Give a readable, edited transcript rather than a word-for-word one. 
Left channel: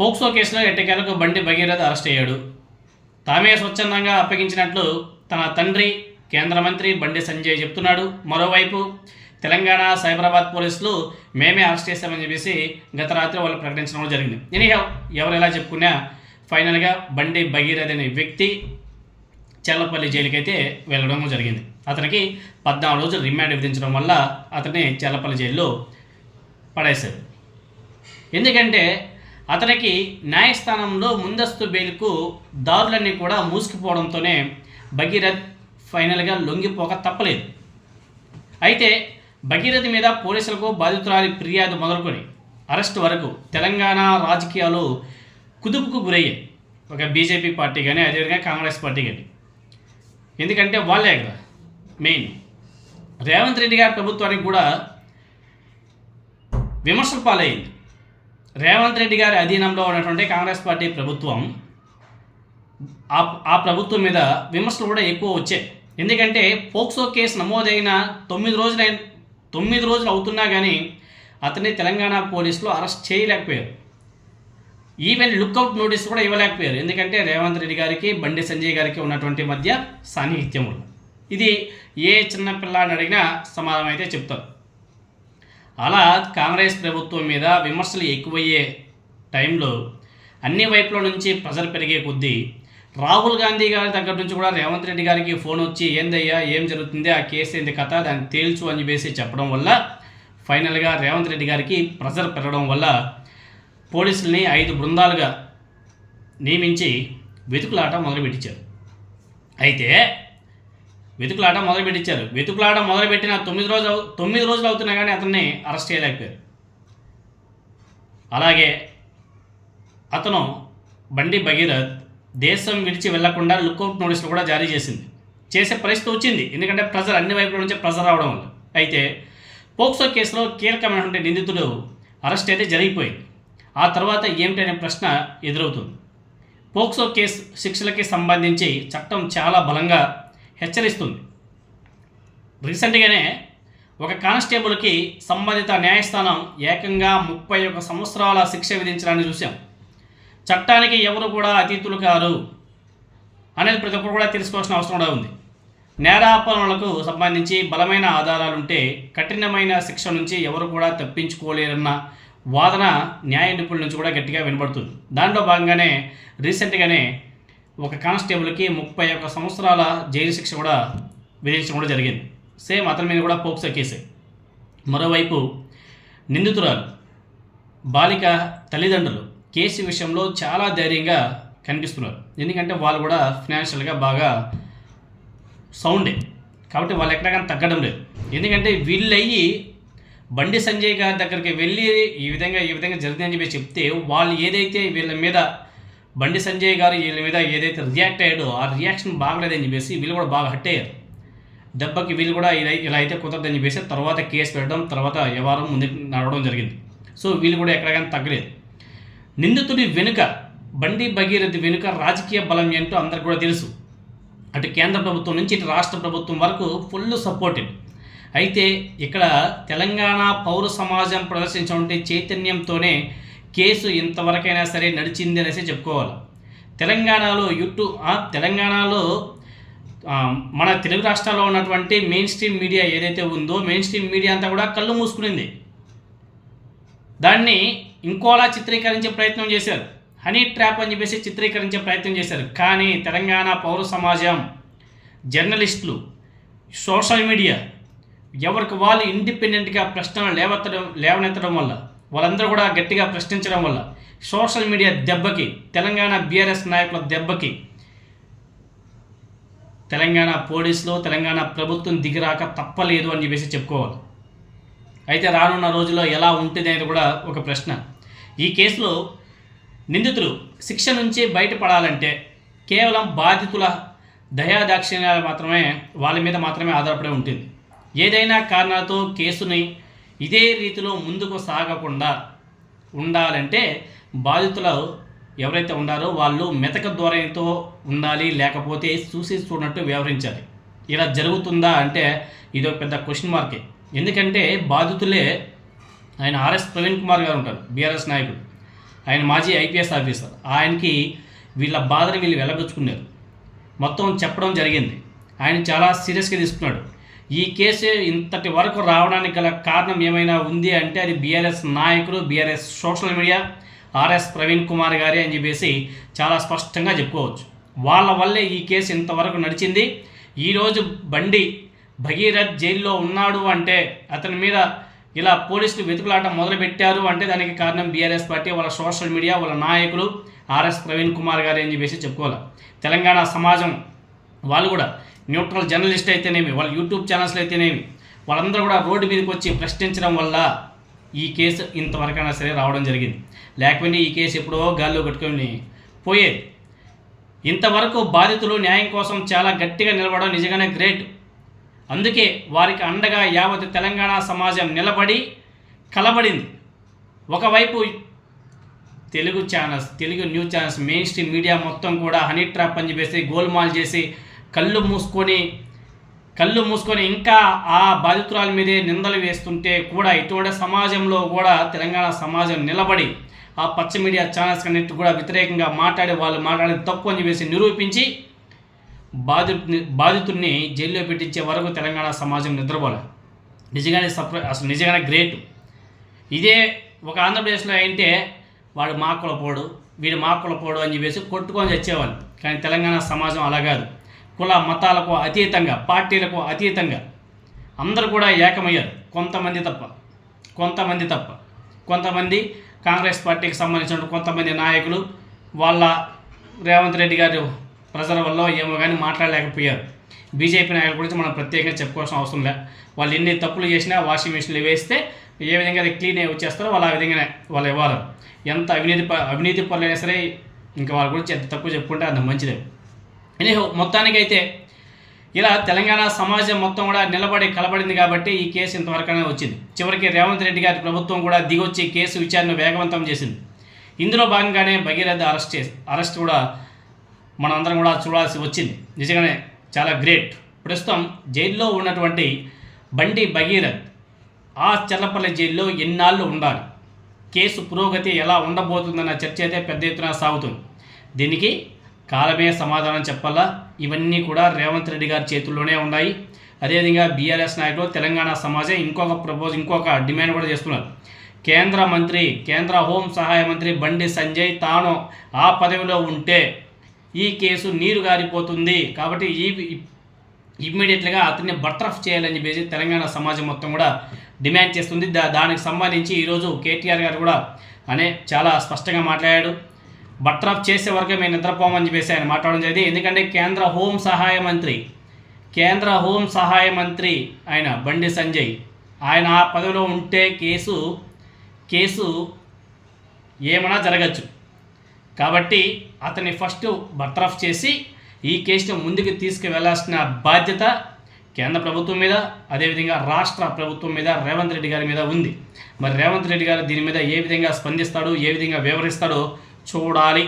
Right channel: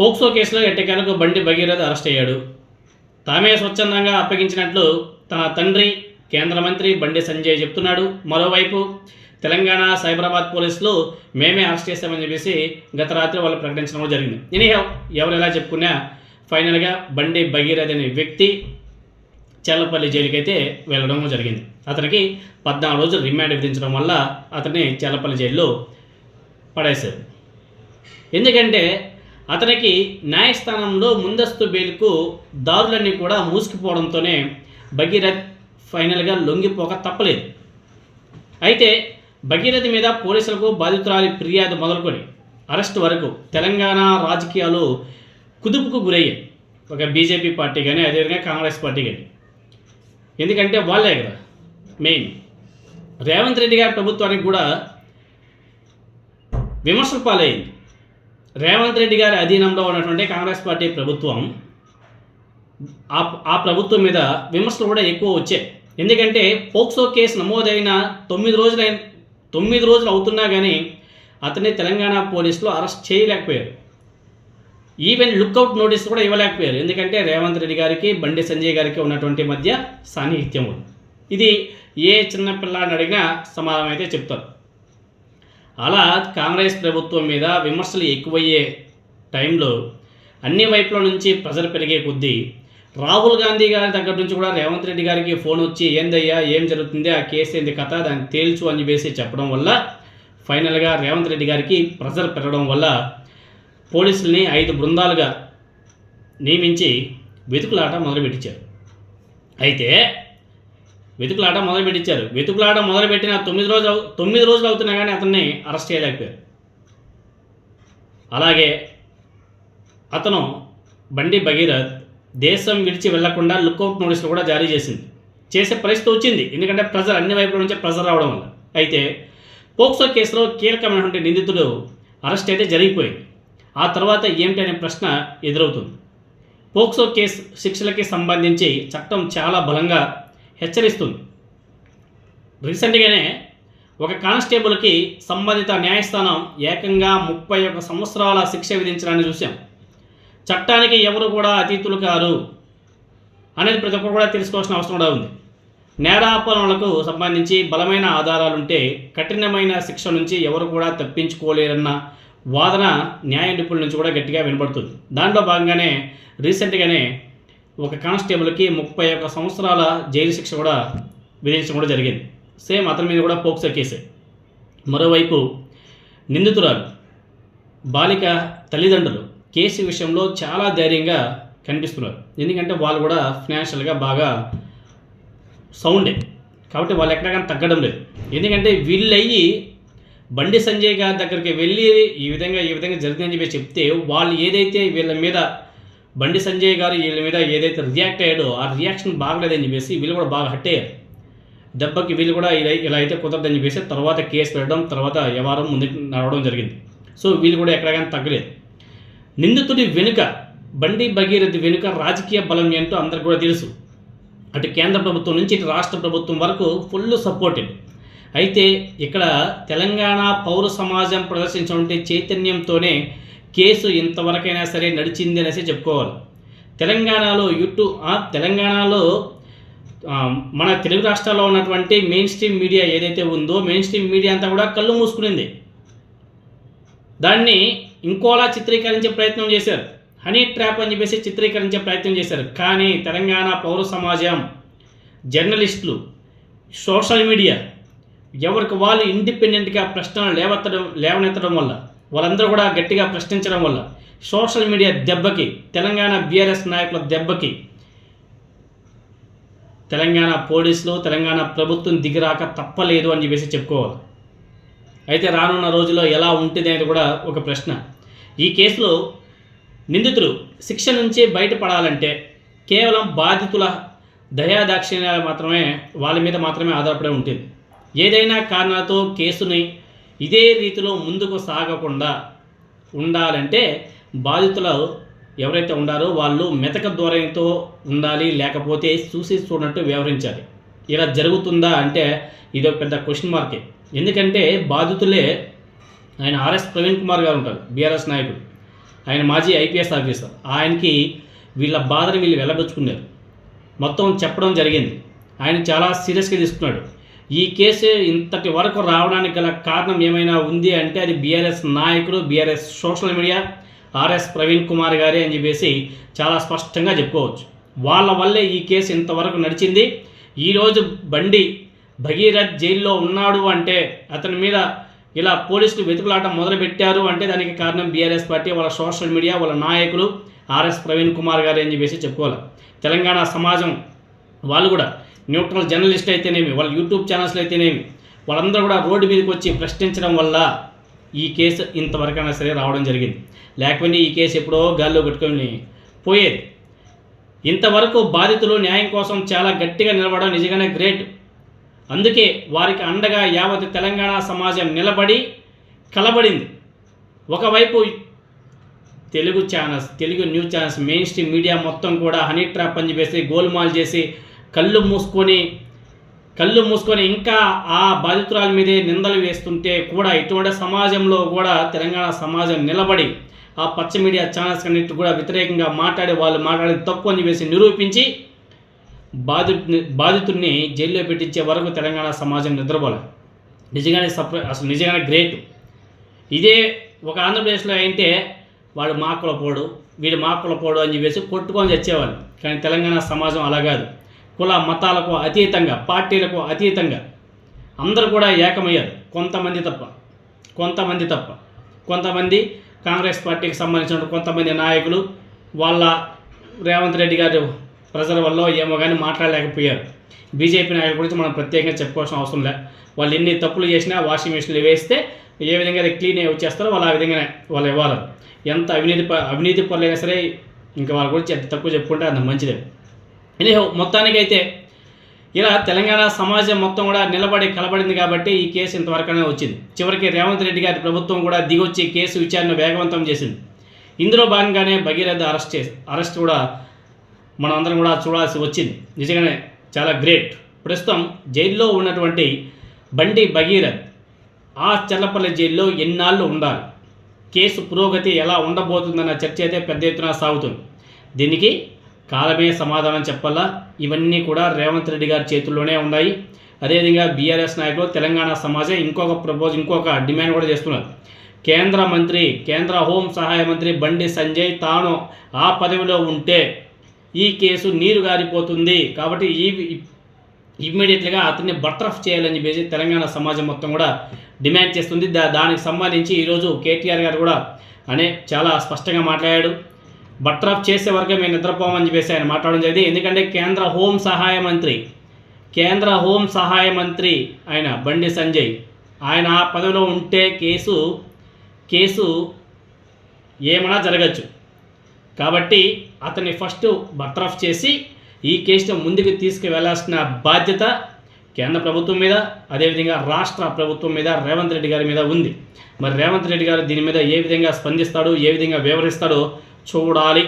POCSO కేసులో ఎట్టకేలకు బండి భగీరథ అరెస్ట్ అయ్యాడు. తామే స్వచ్ఛందంగా అప్పగించినట్లు తన తండ్రి కేంద్ర మంత్రి బండి సంజయ్ చెప్తున్నాడు. మరోవైపు తెలంగాణ సైబరాబాద్ పోలీసులు మేమే అరెస్ట్ చేస్తామని చెప్పేసి గత రాత్రి వాళ్ళు ప్రకటించడం జరిగింది. ఎనీహౌ ఎవరు ఎలా చెప్పుకున్నా ఫైనల్గా బండి భగీరథ అనే వ్యక్తి చెల్లపల్లి జైలుకి అయితే వెళ్ళడం జరిగింది. అతనికి 14 రోజులు రిమాండ్ విధించడం వల్ల అతన్ని చెల్లపల్లి జైల్లో పడేశారు. ఎందుకంటే అతనికి న్యాయస్థానంలో ముందస్తు బెయిల్కు దారులన్నీ కూడా మూసుకుపోవడంతోనే భగీరథ్ ఫైనల్గా లొంగిపోక తప్పలేదు. అయితే భగీరథ్ మీద పోలీసులకు బాధితురాలి ఫిర్యాదు మొదలుకొని అరెస్ట్ వరకు తెలంగాణ రాజకీయాలు కుదుపుకు గురయ్యాయి. ఒక బీజేపీ పార్టీ కానీ అదేవిధంగా కాంగ్రెస్ పార్టీ కానీ. ఎందుకంటే వాళ్ళే కదా మెయిన్. రేవంత్ రెడ్డి గారి ప్రభుత్వానికి కూడా విమర్శల పాలైంది. రేవంత్ రెడ్డి గారి అధీనంలో ఉన్నటువంటి కాంగ్రెస్ పార్టీ ప్రభుత్వం ఆ ప్రభుత్వం మీద విమర్శలు కూడా ఎక్కువ వచ్చాయి. ఎందుకంటే పోక్సో కేసు నమోదైన 9 రోజులు అవుతున్నా కానీ అతన్ని తెలంగాణ పోలీసులు అరెస్ట్ చేయలేకపోయారు. ఈవెన్ లుక్అవుట్ నోటీస్ కూడా ఇవ్వలేకపోయారు. ఎందుకంటే రేవంత్ రెడ్డి గారికి బండి సంజయ్ గారికి ఉన్నటువంటి మధ్య సాన్నిహిత్యం. ఇది ఏ చిన్న పిల్లాడిని అడిగినా సమాధానం అయితే చెప్తారు. అలా కాంగ్రెస్ ప్రభుత్వం మీద విమర్శలు ఎక్కువయ్యే టైంలో అన్ని వైపుల నుంచి ప్రెజర్ పెరిగే కొద్దీ రాహుల్ గాంధీ గారి దగ్గర నుంచి కూడా రేవంత్ రెడ్డి గారికి ఫోన్ వచ్చి ఏందయ్యా ఏం జరుగుతుంది, ఆ కేసు ఏంది కథ, దాన్ని తేల్చు అని చెప్పేసి చెప్పడం వల్ల ఫైనల్గా రేవంత్ రెడ్డి గారికి ప్రెజర్ పెరగడం వల్ల పోలీసుల్ని 5 బృందాలుగా నియమించి వెతుకులాట మొదలుపెట్టించారు. అయితే వెతుకులాట మొదలుపెట్టిన 9 రోజులు అవుతున్నా కానీ అతన్ని అరెస్ట్ చేయలేకపోయారు. అలాగే అతను బండి భగీరథ్ దేశం విడిచి వెళ్లకుండా లుక్అవుట్ నోటీసులు కూడా జారీ చేసే పరిస్థితి వచ్చింది. ఎందుకంటే ప్రెజర్ అన్ని వైపుల నుంచి ప్రెజర్ రావడం వల్ల. అయితే పోక్సో కేసులో కీలకమైనటువంటి నిందితుడు అరెస్ట్ అయితే జరిగిపోయింది. ఆ తర్వాత ఏమిటి అనే ప్రశ్న ఎదురవుతుంది. పోక్సో కేసు శిక్షలకి సంబంధించి చట్టం చాలా బలంగా హెచ్చరిస్తుంది. రీసెంట్గానే ఒక కానిస్టేబుల్కి సంబంధిత న్యాయస్థానం ఏకంగా 31 సంవత్సరాల శిక్ష విధించడాన్ని చూసాం. చట్టానికి ఎవరు కూడా అతీతులు కారు అనేది ప్రతి ఒక్కరు కూడా తెలుసుకోవాల్సిన అవసరం కూడా ఉంది. నేరాపరణలకు సంబంధించి బలమైన ఆధారాలుంటే కఠినమైన శిక్ష నుంచి ఎవరు కూడా తప్పించుకోలేరన్న వాదన న్యాయ నిపుణుల నుంచి కూడా గట్టిగా వినబడుతుంది. దాంట్లో భాగంగానే రీసెంట్గానే ఒక కానిస్టేబుల్కి 31 సంవత్సరాల జైలు శిక్ష కూడా విధించడం కూడా జరిగింది. సేమ్ అతని మీద కూడా పోక్సో కేసే. మరోవైపు నిందితురాలు బాలిక తల్లిదండ్రులు కేసు విషయంలో చాలా ధైర్యంగా కనిపిస్తున్నారు. ఎందుకంటే వాళ్ళు కూడా ఫినాన్షియల్గా బాగా సౌండే కాబట్టి వాళ్ళు ఎక్కడికైనా తగ్గడం లేదు. ఎందుకంటే వీళ్ళయ్యి బండి సంజయ్ గారి దగ్గరికి వెళ్ళి ఈ విధంగా జరిగిందని చెప్పి చెప్తే వాళ్ళు ఏదైతే వీళ్ళ మీద బండి సంజయ్ గారు వీళ్ళ మీద ఏదైతే రియాక్ట్ అయ్యాడో ఆ రియాక్షన్ బాగలేదని చెప్పేసి వీళ్ళు కూడా బాగా హట్ అయ్యారు. దెబ్బకి వీళ్ళు కూడా ఇలా అయితే కుదరదని చెప్పేసి తర్వాత కేసు పెట్టడం, తర్వాత వ్యవహారం ముందుకు నడవడం జరిగింది. సో వీళ్ళు కూడా ఎక్కడికైనా తగ్గలేదు. నిందితుడి వెనుక బండి భగీరథ్ వెనుక రాజకీయ బలం ఏంటో అందరికి కూడా తెలుసు. అటు కేంద్ర ప్రభుత్వం నుంచి ఇటు రాష్ట్ర ప్రభుత్వం వరకు ఫుల్ సపోర్టెడ్. అయితే ఇక్కడ తెలంగాణ పౌర సమాజం ప్రదర్శించినటువంటి చైతన్యంతోనే కేసు ఇంతవరకైనా సరే నడిచింది అనేసి చెప్పుకోవాలి. తెలంగాణలో మన తెలుగు రాష్ట్రాల్లో ఉన్నటువంటి మెయిన్ స్ట్రీమ్ మీడియా ఏదైతే ఉందో మెయిన్ స్ట్రీమ్ మీడియా అంతా కూడా కళ్ళు మూసుకునింది. దాన్ని ఇంకోలా చిత్రీకరించే ప్రయత్నం చేశారు. హనీ ట్రాప్ అని చెప్పేసి చిత్రీకరించే ప్రయత్నం చేశారు. కానీ తెలంగాణ పౌర సమాజం, జర్నలిస్టులు, సోషల్ మీడియా ఎవరికి వాళ్ళు ఇండిపెండెంట్గా ప్రశ్నలు లేవనెత్తడం వల్ల, వాళ్ళందరూ కూడా గట్టిగా ప్రశ్నించడం వల్ల సోషల్ మీడియా దెబ్బకి, తెలంగాణ బీఆర్ఎస్ నాయకుల దెబ్బకి తెలంగాణ పోలీసులు, తెలంగాణ ప్రభుత్వం దిగిరాక తప్పలేదు అని చెప్పేసి చెప్పుకోవాలి. అయితే రానున్న రోజుల్లో ఎలా ఉంటుంది అనేది కూడా ఒక ప్రశ్న. ఈ కేసులో నిందితులు శిక్ష నుంచి బయటపడాలంటే కేవలం బాధితుల దయాదాక్షిణ్యాలు మాత్రమే వాళ్ళ మీద మాత్రమే ఆధారపడి ఉంటుంది. ఏదైనా కారణాలతో కేసుని ఇదే రీతిలో ముందుకు సాగకుండా ఉండాలంటే బాధితులు ఎవరైతే ఉండారో వాళ్ళు మెతక ధోరణితో ఉండాలి, లేకపోతే చూసి చూడనట్టు వ్యవహరించాలి. ఇలా జరుగుతుందా అంటే ఇదొక పెద్ద క్వశ్చన్ మార్కే. ఎందుకంటే బాధితులే ఆయన ఆర్ఎస్ ప్రవీణ్ కుమార్ గారు ఉంటారు, బీఆర్ఎస్ నాయకుడు. ఆయన మాజీ ఐపీఎస్ ఆఫీసర్. ఆయనకి వీళ్ళ బాధని వీళ్ళు వెళ్ళబుచ్చుకున్నారు, మొత్తం చెప్పడం జరిగింది. ఆయన చాలా సీరియస్గా తీసుకున్నాడు. ఈ కేసు ఇంతటి వరకు రావడానికి గల కారణం ఏమైనా ఉంది అంటే అది బీఆర్ఎస్ నాయకులు, BRS social media, RS Praveen Kumar గారే అని చెప్పేసి చాలా స్పష్టంగా చెప్పుకోవచ్చు. వాళ్ళ వల్లే ఈ కేసు ఇంతవరకు నడిచింది. ఈరోజు బండి భగీరథ్ జైల్లో ఉన్నాడు అంటే, అతని మీద ఇలా పోలీసులు వెతుకులాట మొదలుపెట్టారు అంటే దానికి కారణం బీఆర్ఎస్ పార్టీ, వాళ్ళ సోషల్ మీడియా, వాళ్ళ నాయకులు, ఆర్ఎస్ ప్రవీణ్ కుమార్ గారు అని చెప్పేసి చెప్పుకోవాలి. తెలంగాణ సమాజం వాళ్ళు కూడా న్యూట్రల్ జర్నలిస్ట్ అయితేనేమి, వాళ్ళ యూట్యూబ్ ఛానల్స్లో అయితేనేమి, వాళ్ళందరూ కూడా రోడ్డు మీదకి వచ్చి ప్రశ్నించడం వల్ల ఈ కేసు ఇంతవరకైనా సరే రావడం జరిగింది. లేకపోతే ఈ కేసు ఎప్పుడో గాల్లో కట్టుకొని పోయేది. ఇంతవరకు బాధితులు న్యాయం కోసం చాలా గట్టిగా నిలబడడం నిజంగానే గ్రేట్. అందుకే వారికి అండగా యావత్ తెలంగాణ సమాజం నిలబడి కలబడింది. ఒకవైపు Telugu channels, Telugu news channels, main stream media మొత్తం కూడా హనీ ట్రాప్ అని చెప్పేసి గోల్మాల్ చేసి కళ్ళు మూసుకొని ఇంకా ఆ బాధితురాల మీదే నిందలు వేస్తుంటే కూడా ఇటువంటి సమాజంలో కూడా తెలంగాణ సమాజం నిలబడి ఆ పచ్చ మీడియా ఛానల్స్ అన్నిటి కూడా వ్యతిరేకంగా వాళ్ళు మాట్లాడేది తప్పు అని చెప్పేసి నిరూపించి బాధితుడిని జైల్లో పెట్టించే వరకు తెలంగాణ సమాజం నిద్రపోలే. నిజంగానే గ్రేట్. ఇదే ఒక ఆంధ్రప్రదేశ్లో అయితే వాడు మా కులపోడు, వీడు మా కులపోడు అని చెప్పేసి కొట్టుకొని చచ్చేవాళ్ళు. కానీ తెలంగాణ సమాజం అలా కాదు. కుల మతాలకు అతీతంగా, పార్టీలకు అతీతంగా అందరూ కూడా ఏకమయ్యారు. కొంతమంది కాంగ్రెస్ పార్టీకి సంబంధించిన కొంతమంది నాయకులు వాళ్ళ రేవంత్ రెడ్డి గారు ప్రజల వల్ల ఏమో కానీ మాట్లాడలేకపోయారు. బీజేపీ నాయకుల గురించి మనం ప్రత్యేకంగా చెప్పుకోవాల్సిన అవసరం లేదు. వాళ్ళు ఎన్ని తప్పులు చేసినా వాషింగ్ మిషన్లు వేస్తే ఏ విధంగా అది క్లీన్ అయ్యి వచ్చేస్తారో వాళ్ళు ఆ విధంగానే వాళ్ళు ఇవ్వాలి. ఎంత అవినీతి పరులైనా సరే ఇంకా వాళ్ళ గురించి ఎంత తక్కువ చెప్పుకుంటే అంత మంచిదే. ఎనీహో మొత్తానికైతే ఇలా తెలంగాణ సమాజం మొత్తం కూడా నిలబడి కలబడింది కాబట్టి ఈ కేసు ఇంతవరకనే వచ్చింది. చివరికి రేవంత్ రెడ్డి గారి ప్రభుత్వం కూడా దిగొచ్చి కేసు విచారణ వేగవంతం చేసింది. ఇందులో భాగంగానే భగీరథ అరెస్ట్ కూడా మనం అందరం కూడా చూడాల్సి వచ్చింది. నిజంగానే చాలా గ్రేట్. ప్రస్తుతం జైల్లో ఉన్నటువంటి బండి భగీరథ్ ఆ చల్లపల్లి జైల్లో ఎన్నాళ్ళు ఉండాలి, కేసు పురోగతి ఎలా ఉండబోతుందన్న చర్చ అయితే పెద్ద ఎత్తున సాగుతుంది. దీనికి కాలమే సమాధానం చెప్పాలా. ఇవన్నీ కూడా రేవంత్ రెడ్డి గారి చేతుల్లోనే ఉన్నాయి. అదేవిధంగా బీఆర్ఎస్ నాయకులు, తెలంగాణ సమాజం ఇంకొక డిమాండ్ కూడా చేస్తున్నారు. కేంద్ర హోం సహాయ మంత్రి బండి సంజయ్ తాను ఆ పదవిలో ఉంటే ఈ కేసు నీరు గారిపోతుంది కాబట్టి ఇమ్మీడియట్గా అతన్ని బర్తరఫ్ చేయాలని చెప్పేసి తెలంగాణ సమాజం మొత్తం కూడా డిమాండ్ చేస్తుంది. దానికి సంబంధించి ఈరోజు కేటీఆర్ గారు కూడా చాలా స్పష్టంగా మాట్లాడాడు. బర్తరఫ్ చేసే వరకే మేము నిద్రపోమని చెప్పేసి ఆయన మాట్లాడడం జరిగింది. ఎందుకంటే కేంద్ర హోం సహాయ మంత్రి ఆయన బండి సంజయ్ ఆయన ఆ పదవిలో ఉంటే కేసు ఏమైనా జరగచ్చు. కాబట్టి అతన్ని ఫస్ట్ బర్తరఫ్ చేసి ఈ కేసును ముందుకు తీసుకువెళ్లాల్సిన బాధ్యత కేంద్ర ప్రభుత్వం మీద, అదేవిధంగా రాష్ట్ర ప్రభుత్వం మీద, రేవంత్ రెడ్డి గారి మీద ఉంది. మరి రేవంత్ రెడ్డి గారు దీని మీద ఏ విధంగా స్పందిస్తాడో, ఏ విధంగా వివరిస్తాడో చూడాలి.